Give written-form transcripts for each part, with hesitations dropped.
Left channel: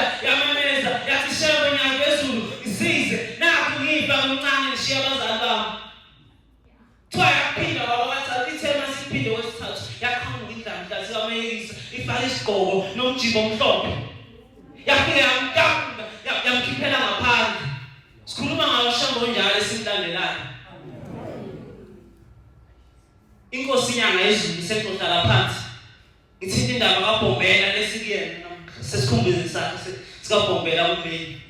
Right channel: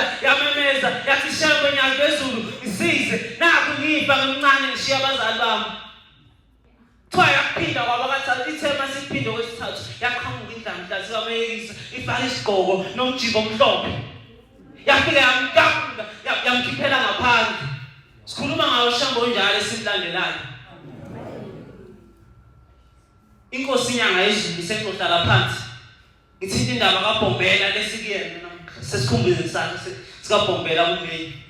yafika yamemeza yathi shebo nyangezulu isize naku ngifa ngimncane ngishiya abazali bami kuthiwa yaphinda wabathatha ithema siphinde kwesithathu yaqhamuka indlamla sikameyisa ifaka isigqoko nomjibo omhlophe yafika yamkanga yamkhiphela ngaphandle sikhuluma ngawo shambo njalo esimlandelayo inkosi inyanga yezulu sekuhlala phansi ithinta indaba kaBhombela lesikuyena sesikhumbuze sakhe sikaBhombela umeli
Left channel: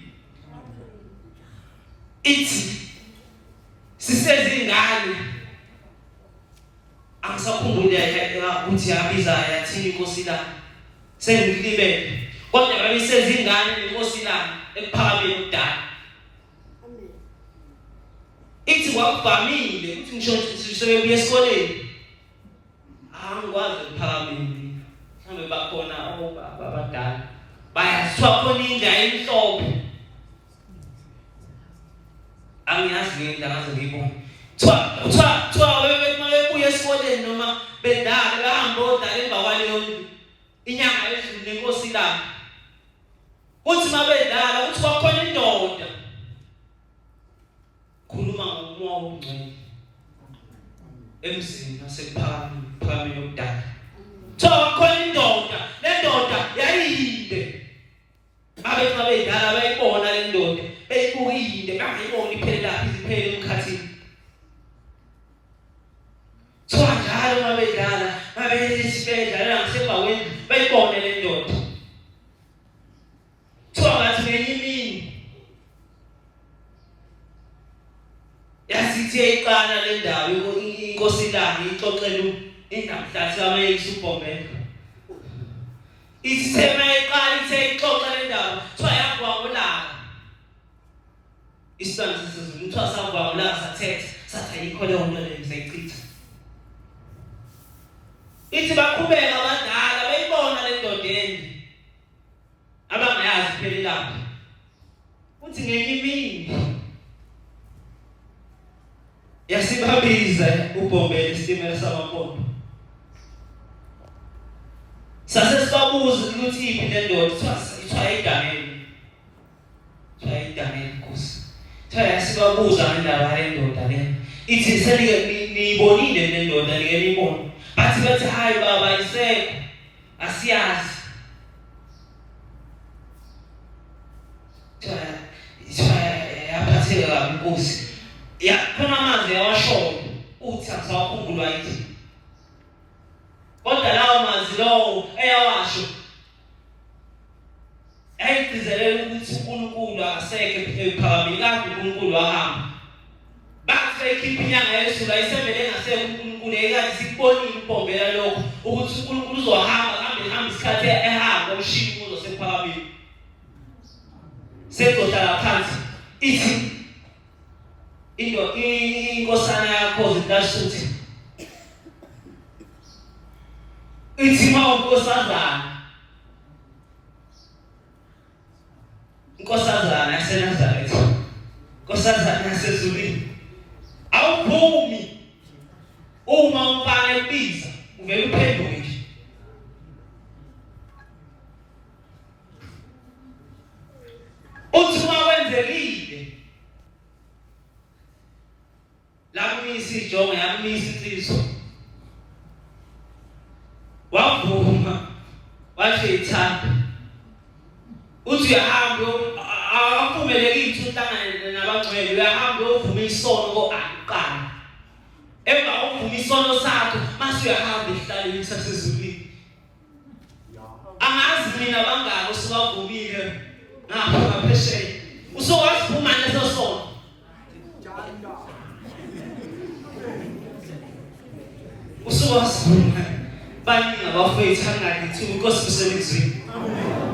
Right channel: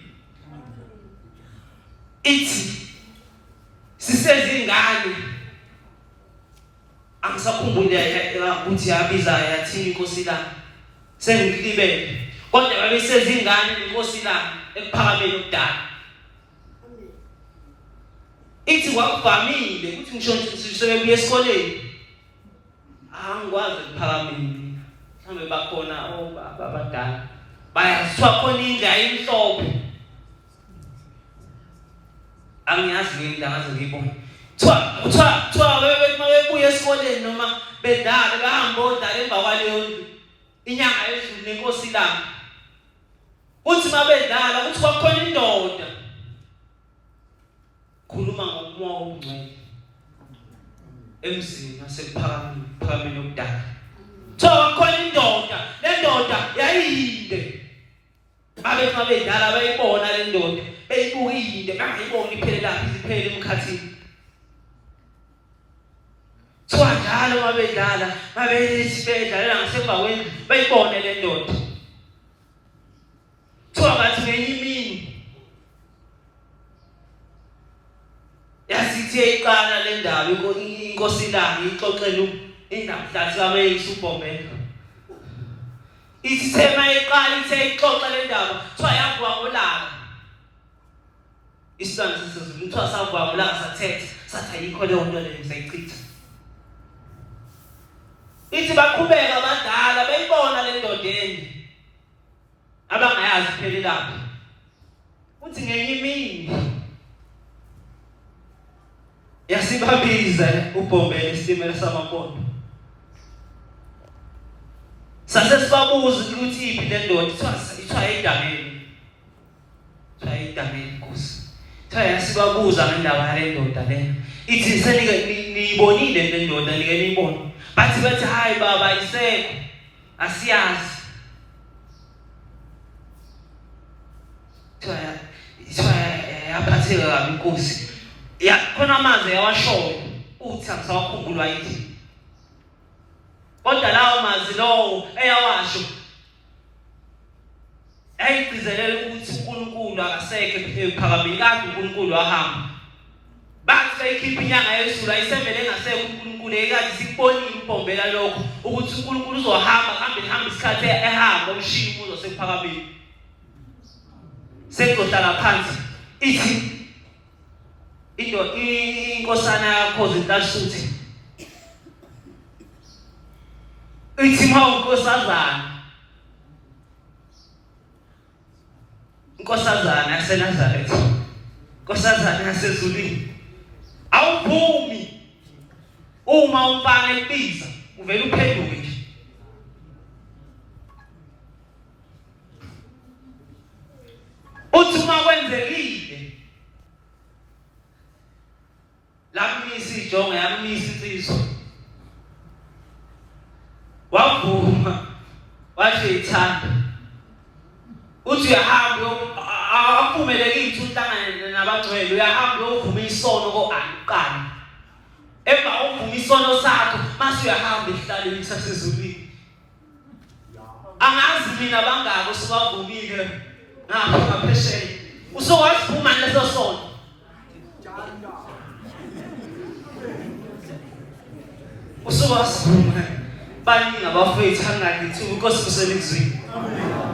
ithi sisezingane angisakhumbule ukuthi yabiza yathini inkosi la sengilibele kodwa babesezingane nenkosi la ekuphakameni ukudala ithi kwakuvamile ukuthi ngisho sebebuya esikoleni angikwazi ukuphakameni mhlambe bakhona abadala bayazithiwa khona indla emhlophe angiyazi le ndaba ngiyibona twa webuya esikoleni noma bedala bahamba odala emva kwaleyo inyanga yezulu nenkosi lami uthi mabedala uthi kwakhona indoda khuluma ngomoya omngcwele emzini nasephakameni okudala kwakhona indoda le ndoda yayinde abethi mabedala bayibona le ndoda beyibuka iyinde bangayibona iphela iziphele emkhathini njalo mabedala mabeyisibedala ngasembaweni bayibone le ndoda bathi ngenye imini yasithi eyiqala le ndaba inkosi lami ixoxela indaba kameyisa uBhombela ithi thema eyiqala ithe ixoxa le ndaba yavuka ngolaka isibani sesizulu savuka ngolaka sathetha sathi ayikho leyo nto leyo sayichitha ithi baqhubeka abadala beyibona le ndodeni abangayazi phelelaphi uthi ngenye imini yasibabiza uBhombela isitimela samampondo sase sibabuza ukuthi iphi le ndoda ithiwa idameni Nkosi yasibabuza ngendaba yale ndoda le ithi niyibonile le ndoda like niyibona bathi hayi baba isekho asiyazi yaphatheka kabi inkosi khona amazwi yawashoyo uthi angisawakhumbulwa yithi kodwa lawo mazwi lowo eyawasho ayigcizelela ukuthi uNkulunkulu akasekho ephakameni kanti uNkulunkulu wahamba bathi ekhipha inyanga yezulu ayisebele engasekho uNkulunkulu ekade sikubonile uBhombela lokho ukuthi uNkulunkulu uzohamba isikhathi ehamba umshini kuzo sephakameni sekohlala phansi ithi inkosana yakho zintasuthi ithi inkosazana yaseNazaretha inkosazana yasezulwini awuphumi uma umfana ebiza uvela uphenduke nje uthi uma wenzekile lamisa ijonga yamisa insizwa wavuma washo ithanda uthi uyahamba akuvumelekile uhlangane nabangcwele uyahamba uyovuma isono koqala emva uvuma isono sakho mase uyahamba ehlaleni sasezulwini angazi mina bangako siwavumile ngapha ngaphesheya usukwaziphuma leso sono usukwaziphuma baningi abafowethu angakithi inkosi kusemizweni amen.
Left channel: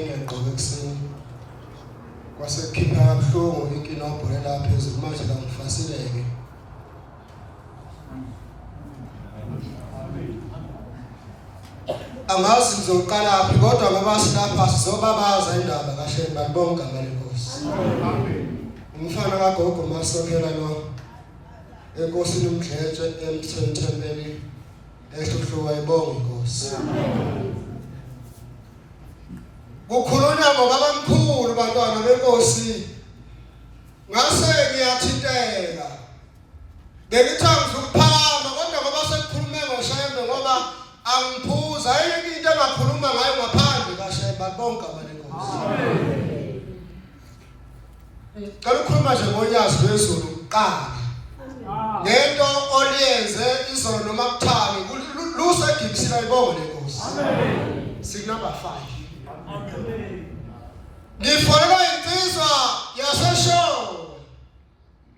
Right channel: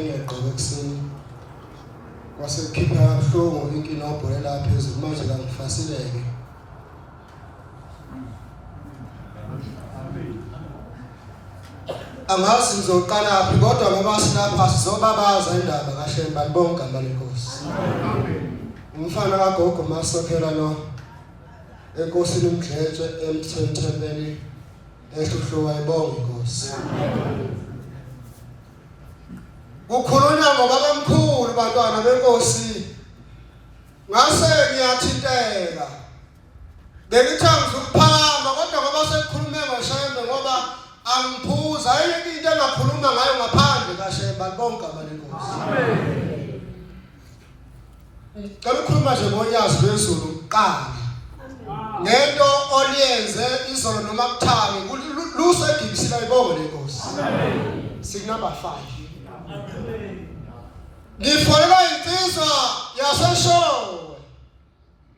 ngiyaqoka ekseni. Wasekhipha kabuhlungu inkinobho lapha phezulu manje la ngifasileke. Angazi ngizoqala phi kodwa ngoba silapha sizobabaza indaba kahle balibonga ngalenkosi. Umfana kagogo masokhela lo enkosini umdletshe emthethebeni ehluhluka ibonga inkosi. Kukhulunywa ngobaba omkhulu bantwana benkosi. Ngase ngiyathinteka. Bengithanga ukuphakama kodwa ngoba sekukhulume ngoshembe ngoba angiphuza ayike into engakhuluma ngayo ngaphandle kahle balibonga ngalenkosi. Ngicela ukukhuluma nje ngolwazi lwezulu kuqala. Ngento oliyenze izolo noma kuthami lusedibisela ibongo lenkosi. Amen. Signumber 5. Ngifolelwa insizwa yaseshowe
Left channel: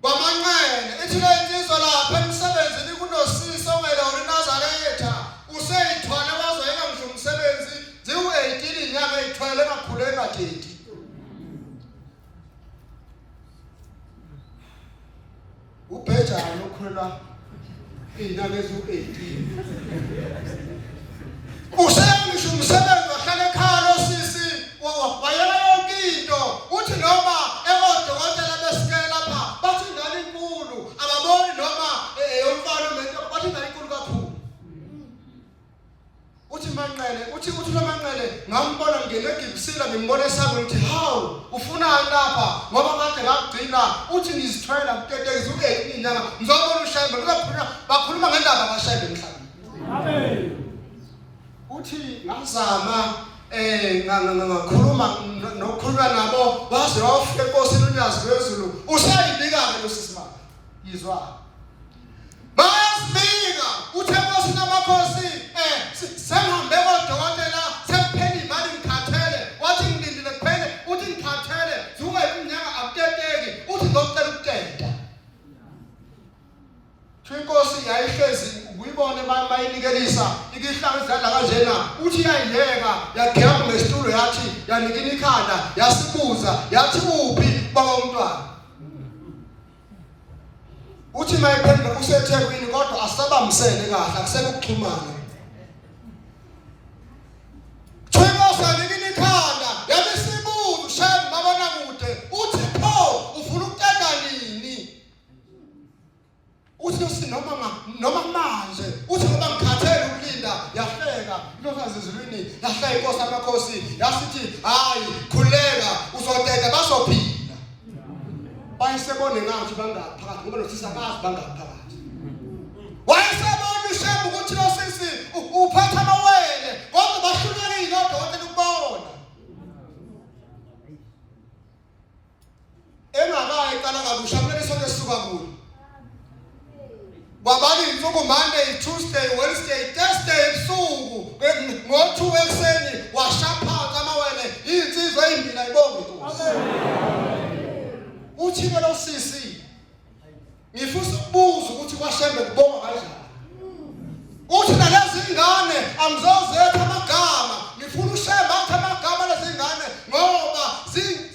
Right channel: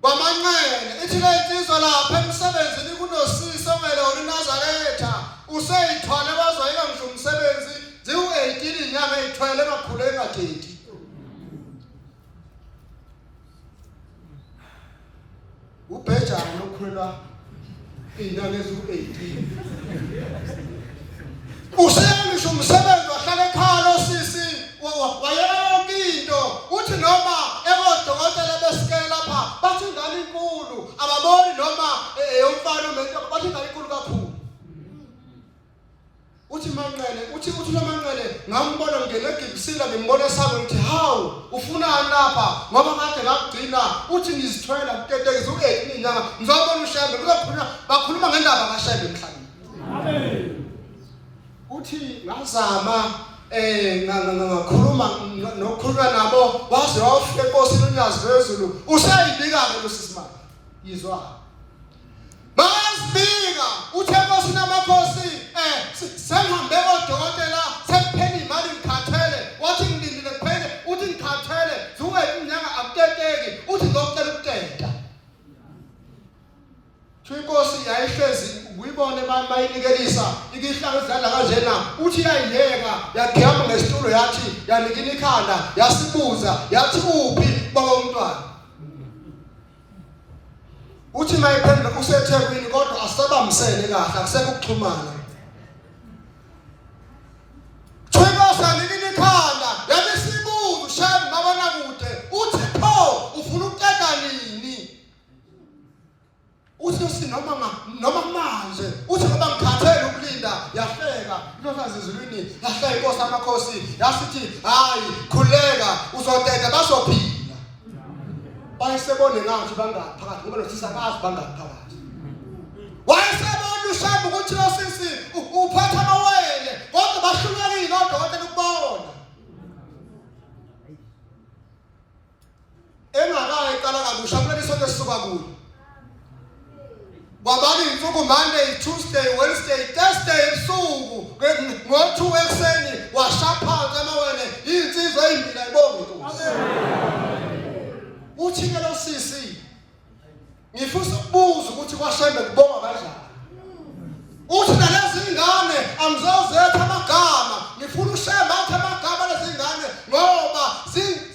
kwamanqene ithi le insizwa lapha emsebenzini kunosisi ongela uNazaretha useyithwala bazoyika ngisho umsebenzi ziwu-18 inyanga eyithwele kakhulu engathethi. Ubhejana okhulelwa inyanga eziwu-18 useyangisho umsebenzi wahlala ekhaya losisi wayela yonke into uthi noma ebodokotela besikele lapha bathi ingane inkulu ababoni noma umfana umuntu bathi ingane inkulu kakhulu. Uthi Manqele uthi noManqele ngambona ngene egibisila ngimbona esaba ukuthi hawu ufunani lapha ngoba kade ngakugcina uthi ngizithwela kuteteke u-18 inyanga ngizobona ushembe bakhuluma ngendaba kaShembe emhlabeni. Amen. Uthi ngazama ngakhuluma nokhuluma nabo waze wafika enkosini uNyazi lwezulu usayibika-ke losisimanga yizwa bayasibika uthe enkosini amakhosi sengihambe kodokotela sekuphela imali ngikhathele wathi ngilindile kuphele uthi ngikhathele ziwu-18 inyanga akuteteki uthi ngizocela ukuteta. Inkosi yayihlezi uyibone bayinikelisa ikihlanga izidla kanjena uthi yayileka yagiyama ngesitulo yathi yanikina ikhanda yasibuza yathi uphi baba umntwana. Uthi mayiphendula useThekwini kodwa asabamsele kahle akusekuxhumana. Inkosi yanikina ikhanda yabisibuza uShembe babona kude uthi pho ufuna ukuteta nini. Uthi noma manje uthi ngoba ngikhathele ukulinda yahleka inkosi ezulwini yahleka inkosi amakhosi yasithi hayi khuleka uzoteta bazophila. Bayisebone ngathi bangaphakathi ngoba nosisi akazi bangaphakathi. Wayesebona uShembe ukuthi nosisi uphatha amawele kodwa bahlulekile odokotela ukubona. Engakayi qala kabusha kumele sonke sisuka kuyo. Babali insuku Monday, Tuesday, Wednesday, Thursday ebusuku ngo-2 ekseni washaphansi amawele insizwa eyimbili ayibonge inkosi. Uthi-ke lo sisi ngifisa ukubuza ukuthi kwaShembe kubonga kanjani. Uthi nalezi ingane angizozetha amagama ngifuna uShembe athi amagama lezi ingane ngoba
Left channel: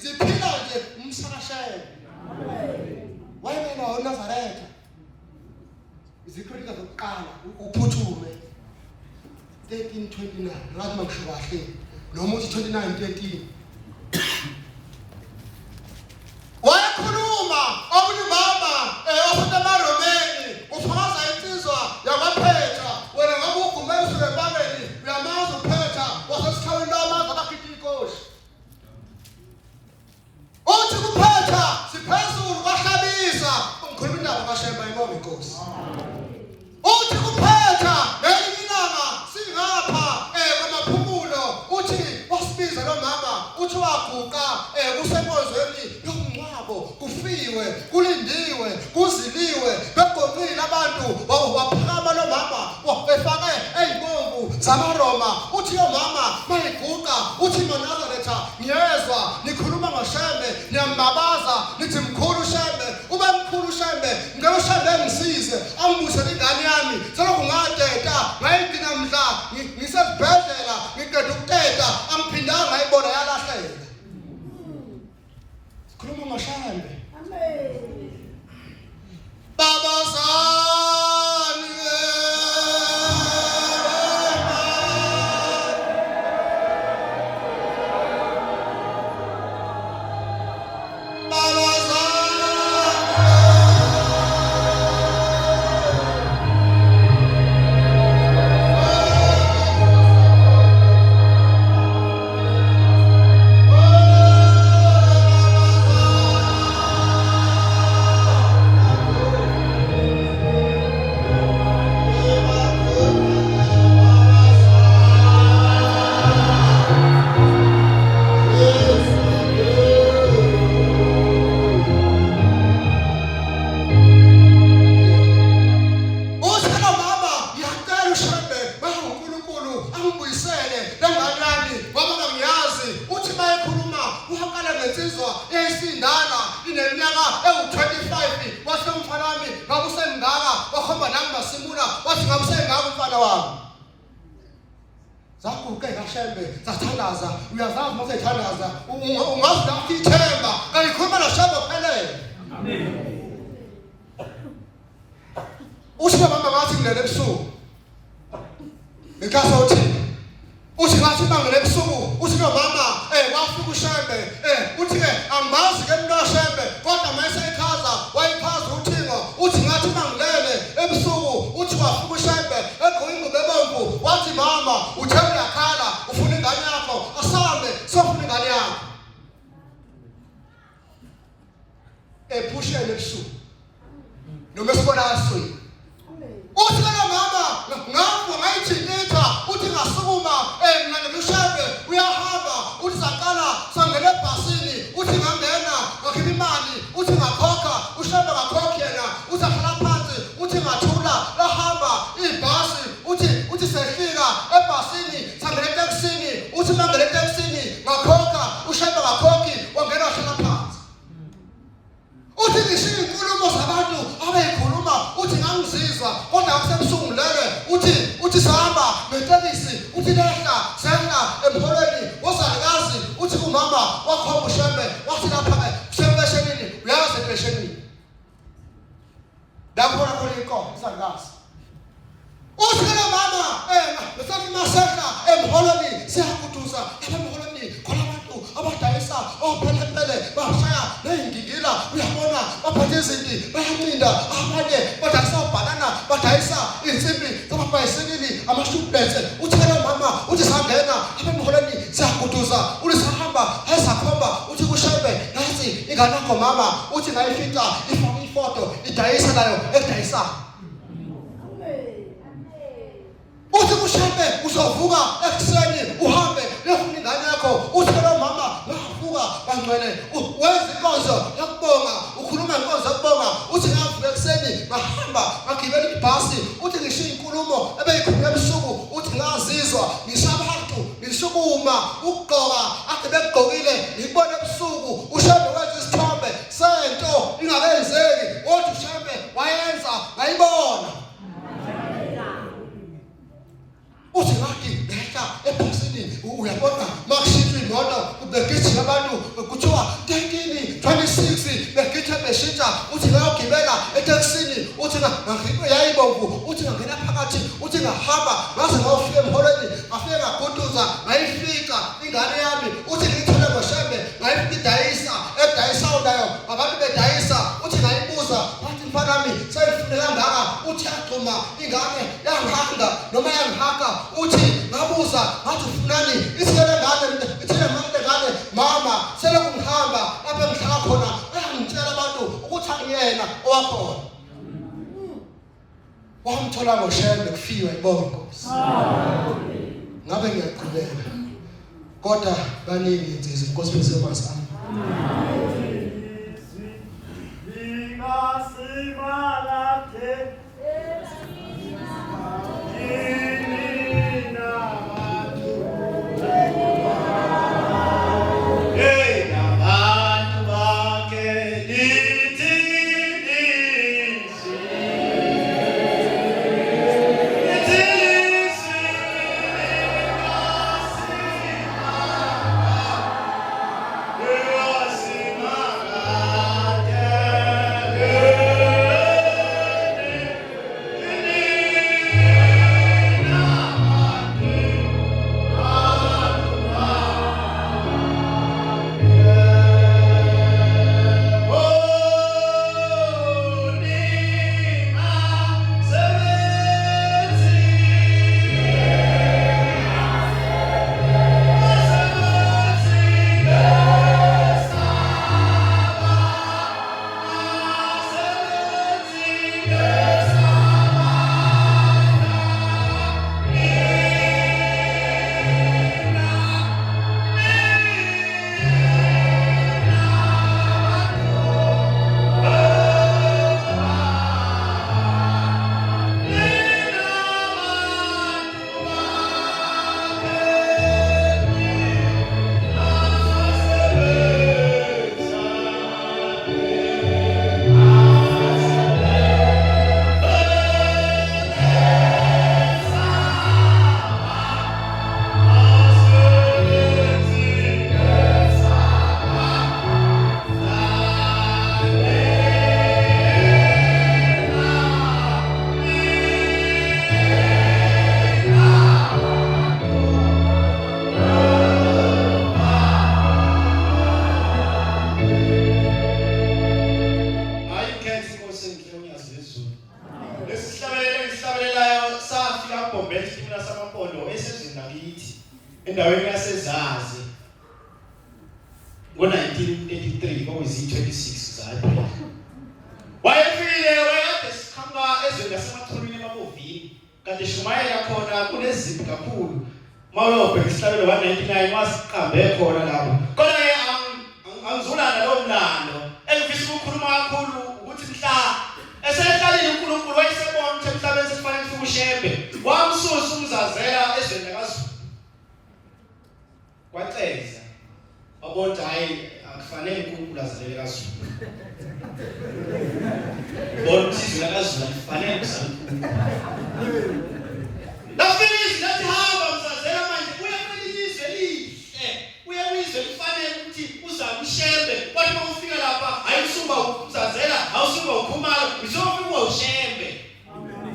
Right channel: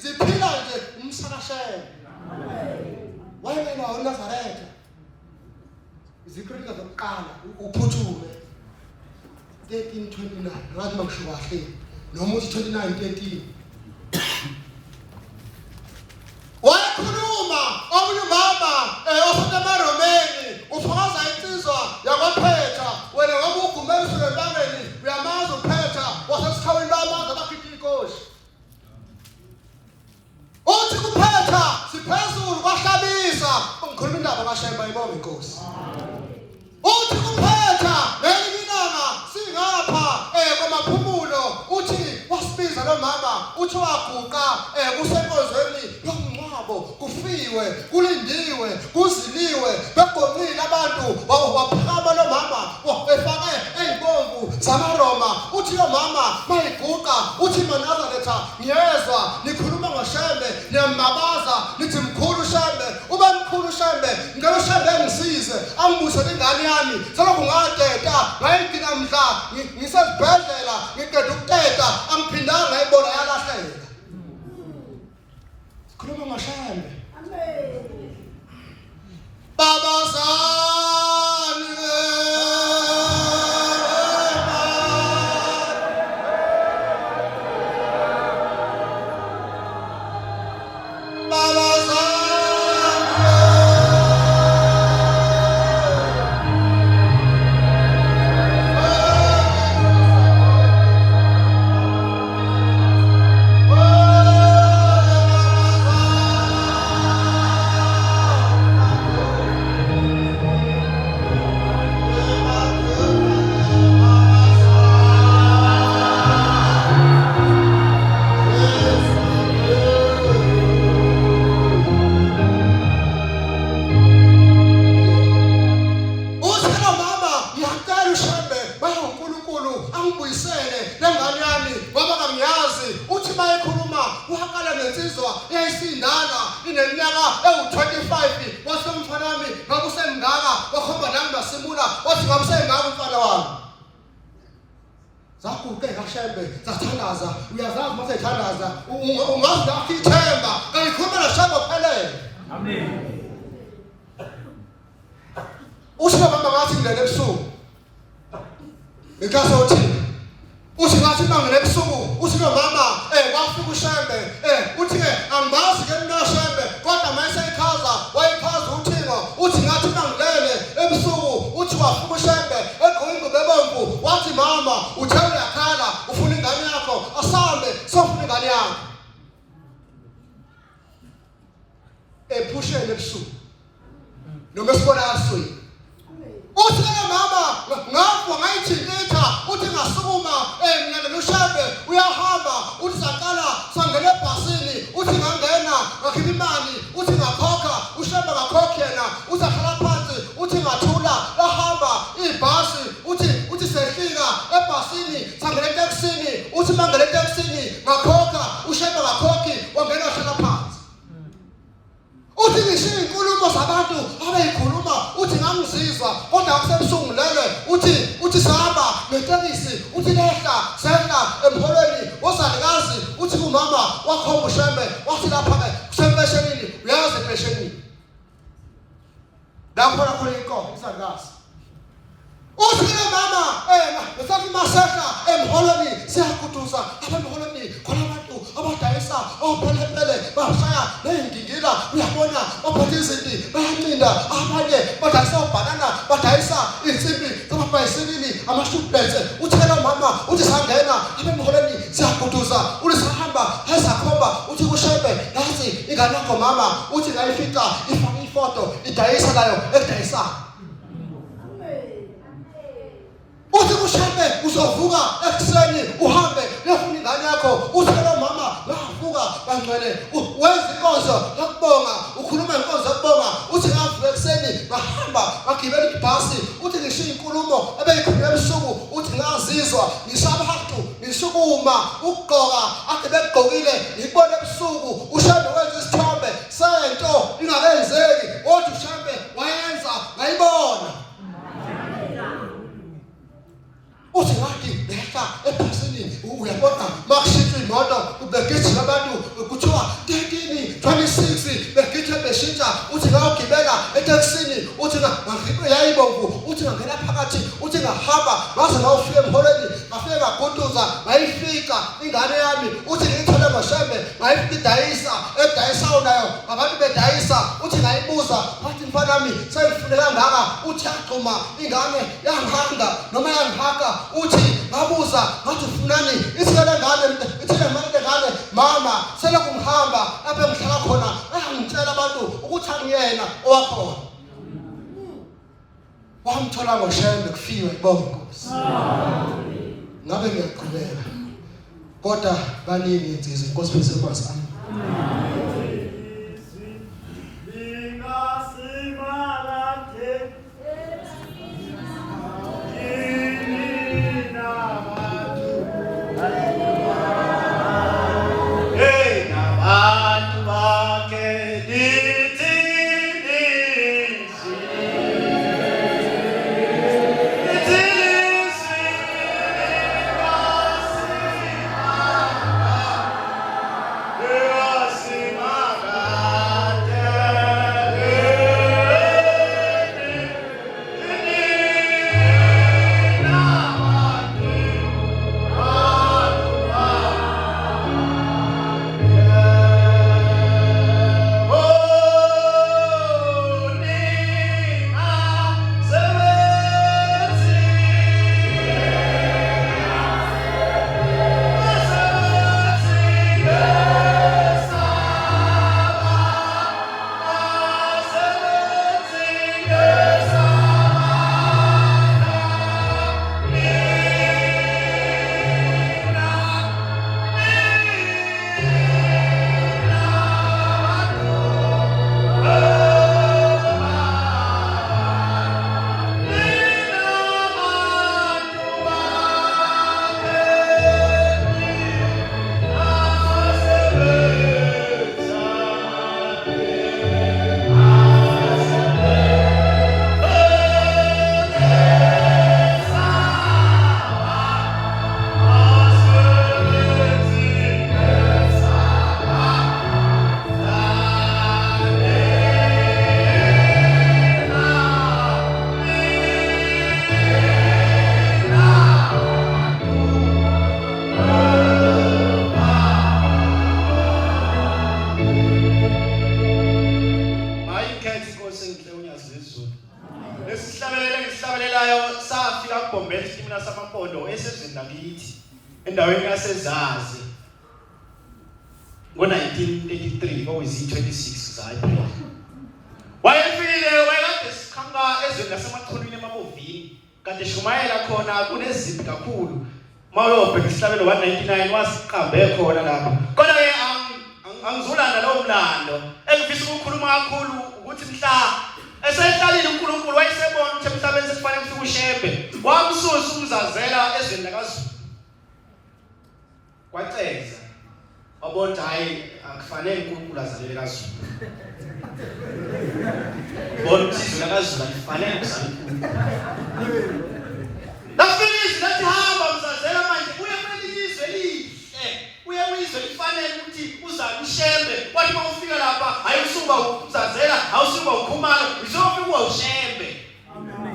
ziphila nje umsakaShembe. Wayena uNazaretha izikrika zokuqala uphuthume 13:29 ngathi mangisho kahle noma uthi 29:13 wakhuluma omunye ubaba osemaRomeni ufakaza insizwa yakwaPhetha wena ngoba ugumela ebangeni uyamazi uPhetha wasesikhawini lamazi abakhipha inkosi. Uthi kuPhetha siphezulu kwahlabisa ngikhuluma indaba kaShembe ayibonge inkosi. Uthi kuPhetha ngelinanga singapha kwamaphumulo uthi wasibiza lo mama uthi waguqa kusenkozweni yomngcwabo kufiwe kulindiwe kuziliwe begonqile abantu waphakama lo mama efake eyibomvu zamaRoma. Uthi yo mama mayiguqa uthi maNazaretha ngiyezwa nikhuluma ngoShembe niyambabaza nithi mkhulu Shembe ube mkhulu Shembe ngicela uShembe ngisize angibusele ingane yami selokhu ngateta ngayigcina mhla ngisesibhedlela ngiqeda ukuteta angiphindanga ngayibona yalahleka lensizwa iyisindana ineminyaka ewu-25 wathi umfana wami ngabe usengaka wakhomba nami nasimula wathi ngabe usengaka umfana wami zaguqe kaShembe zathandaza uyazazi mase ethandaza ungazi lapho ithemba kayikhuluma noShembe phelele amen uthi mama ngathi ngilele ebusuku ngikhaso uthi uthi ngathi mangele ebusuku uthi mama wafuka uShembe uthi ke angazi ke mna uShembe kodwa mayise ekhaza wayikhaza uthingo uthi ngathi mangilele ebusuku uthi wafuka uShembe egqinqa bebomvu wathi mama uthe uyakhala ufuna ingane yakho asambe sofuna ingane yakho ephushele ebusuku noma sibona aswe uthi ke mama ngafu ngayithintitha uthi ngasukuma mina noShembe uyahamba uthi saqala sangena ebhasini uthi ngangena ngakhipha imali uthi ngakhokha uShembe ngakhokha yena uthi ahlala phansi uthi ngathula lahamba ibhasi uthi sefika ebhasini sangena etekisini uthi mangena etekisini ngakhokha uShembe ngakhokhi wangena wahlala phansi uthi ngishiya inkulumo zabantu abayikhuluma uthi ngangizizwa kodwa akusebusuku lele uthi sahamba ngetekisi uthi lehla sehla emholweni wozalikazi uthi kumama wakhomba uShembe wathi lapha kusempeshenini uyazi empeshenini lapho khona inkomo isangikazi uthi ke mama besathi masehla emholweni siyakuduza emholweni khona abantu abadayisa ophelepele bashaya neyingingila uyabona baphathe izinto bayacinda abanye badayisa banana badayisa insimbi zamabhayisikili amashubhetse uthi ke mama uthi sangena emholweni siyakuduza uthi sahamba esakhomba uthi kuShembe nathi ingane yakho mama uthi ngayifika ifaka ifoto idayisa nayo edayisa uthi kuShembe uzovuka ekuseni uhambe lefuna ingane yakho uthi ke mama ngavuka bangcwele wenza inkonzo yakubonga ukhuluma inkonzo yakubonga uthi ngavuka ekuseni bahamba bagibela ibhasi uthi ngishiya inkulumo ebeyikhuluma ebusuku uthi ngazizwa ngisabantu ngisukuma ukugqoka ade begqokile ngibona ebusuku uShembe wenza isithombe sento ingakenzeki uthi uShembe wayenza ngayibona uthi ngathi lehla ebhasini uyabona makushintshwa imoto ubegijima abantu kuthiwa 13:26 begijima beshintsha uthi ngayogibela etekisini uthi yayibomvu uthi ngangena phakathi uthi ngahamba ngaze ngawufika emholweni ngafika ngaguduza ngayifika ingane yami uthi ngiyithole ngoShembe ngayifika edayisayo nayo abantu bedayisa uthi ngayibuza wathi mfana wami sengifune kangaka uthi yagxuma ingane yangihanga noma yangihanga uthi ngabuza ngathi ufunani isele ngane ithele ngane mama sele kumhamba lapho ngihlala khona angitshela abantu ukuthi angiyena owakhona wamthola ngoShembe kufiwe ibonga inkosi ngabe ngiyaqhubeka kodwa baningi insizwe inkosi bese kwasana Yes, ngo-1933 kwakuyizi-26 za-April. Wayefile wayekade siqhamuka ezweni lasemathuneni emabovini kanti Shumayela khona kunezimpi kakhulu. Mawuyobheka isihlabelo 199 wasiqambe khona lapho. Kodwa-ke angizulanda lowo mlando engifisa ukukhuluma kakhulu ukuthi mhla eseyihlalile uNkulunkulu wayesebona ukuthi emhlabeni sekufanele kufike ushembe wamsusa umzazela ezweni lakaZulu. Kwaceza wabona hayi akufanele uNkulunkulu azalele kaZulu. Bona isizwe lakaZulu alifanele kuzala uNkulunkulu. Lafinish lathi hamba mzazela manje uye kwelizwe lihle. Uye kwizwe lifanele ukuthi uzale ushembe. Kwathi mawufika lapha ayusumba umzazela, awusumba ukhumalo, uzofika ushembe.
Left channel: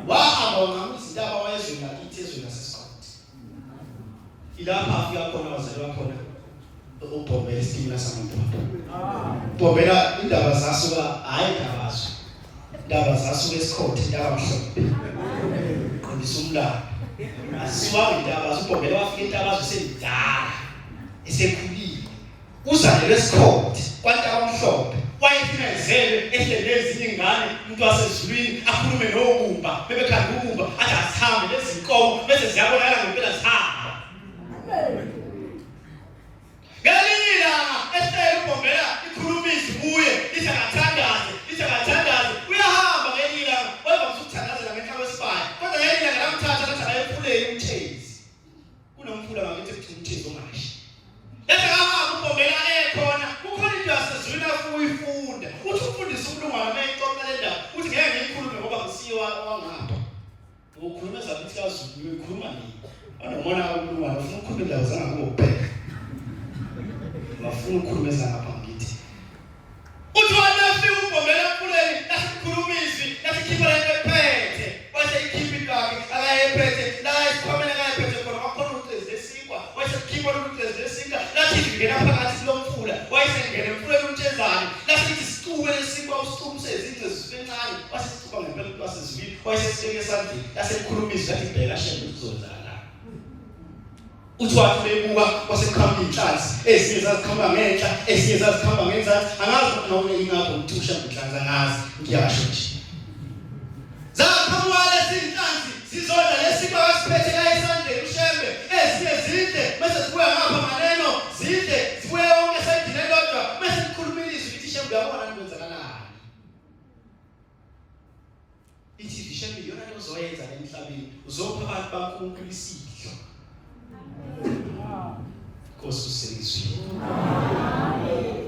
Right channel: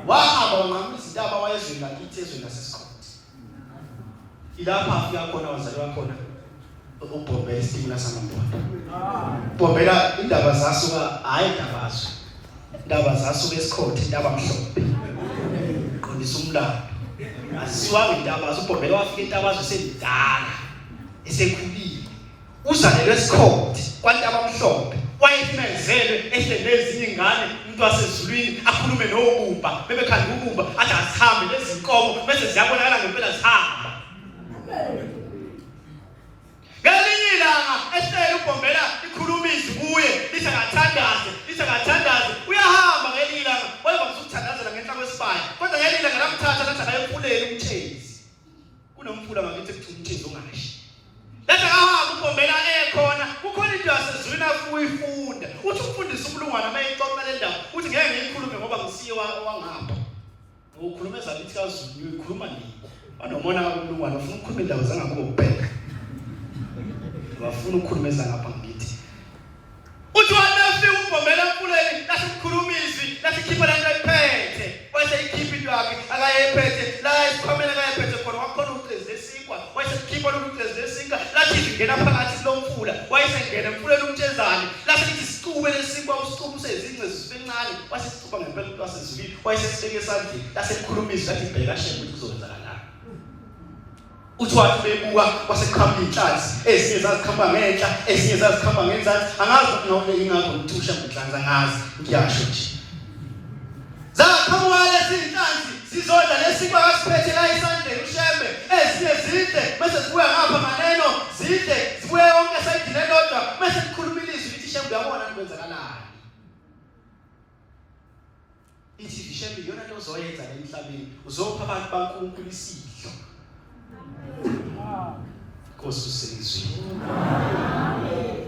Wahamba ngamisa indaba wayezweni lakithi ezweni laseScott. Ilapha afika khona wazalwa khona uBhobela isitimela samadoda. Bhobela indaba zasuka hayi ndabazo. Indaba zasuka eScott indaba mhlophe. Qondisa umlando. Asiwa indaba uBhobela wafika intabazo semidala. Esekhulile. Uzalelwe eScott kwantaba mhlophe. Wayethimezele ehlele ezinye ingane umuntu wasezulwini akhulume nobumba bebekhanda ubumba athi asihambe lezi inkomo bese ziyabonakala ngempela zihamba. Ngelinye ilanga ehlele uBhobela ikhulumisa kuye lithi akathandaze uyahamba ngelinye ilanga wayeba ukuthandazela ngenhla kwesibaya kodwa ngelinye ilanga lamthatha lathi akayephulela umthezi kunomfula ngakithi kuthi umthezi ungashi. Letha kahamba uBhobela ekhona kukhona into yasezulwini afuyifunda uthi ufundisa umlungwana mayixoxa le ndaba uthi ngeke ngiyikhulume ngoba ngisiwa wangapha. Ukhuluma ezakithi kaZulu uyikhuluma nini? Banomona kakhulumana ufuna ukukhuluma indaba zangakubheka. Wafuna ukukhuluma ezangapha ngithi. Uthi wafika uBhobela emfuleni lathi ukukhulumisi lathi khipha la ephethe. Wase ikhipha into yakhe akayephethe la isikhomela akayephethe khona wakhona uCezi lesikwa wase khipha uCezi lesikwa lathi ngena phakathi lo mfula wase ngena emfuleni umthezane lathi ithi sicube lesikwa usicubu sezince zisencane wase sicuba ngempela umuntu wasezivini wase sibeke esandleni lase ikhulumisa lathi bheka shembe kuzozala. Uthi wathi bebuka kwasekhamba inhlanzi ezinye zazikhamba ngenhla ezinye zazikhamba ngenzansi angazi noma ingakho ukuthi ushamba inhlanzi angazi ngiyasho nje. Zakhamba lezi inhlanzi zizodla lesikwa kasiphethe la esandleni ushembe ezinye zide bese zibuya ngapha maneno zide zibuya yonke sayidile lodwa bese sikhulumile izwi lithi shembe uyabona ukwenzakalani. Ithi shembe yona into ozoyenza la emhlabeni uzopha abantu bakuNkulunkulu isidlo. Kosi usizwe. Amen.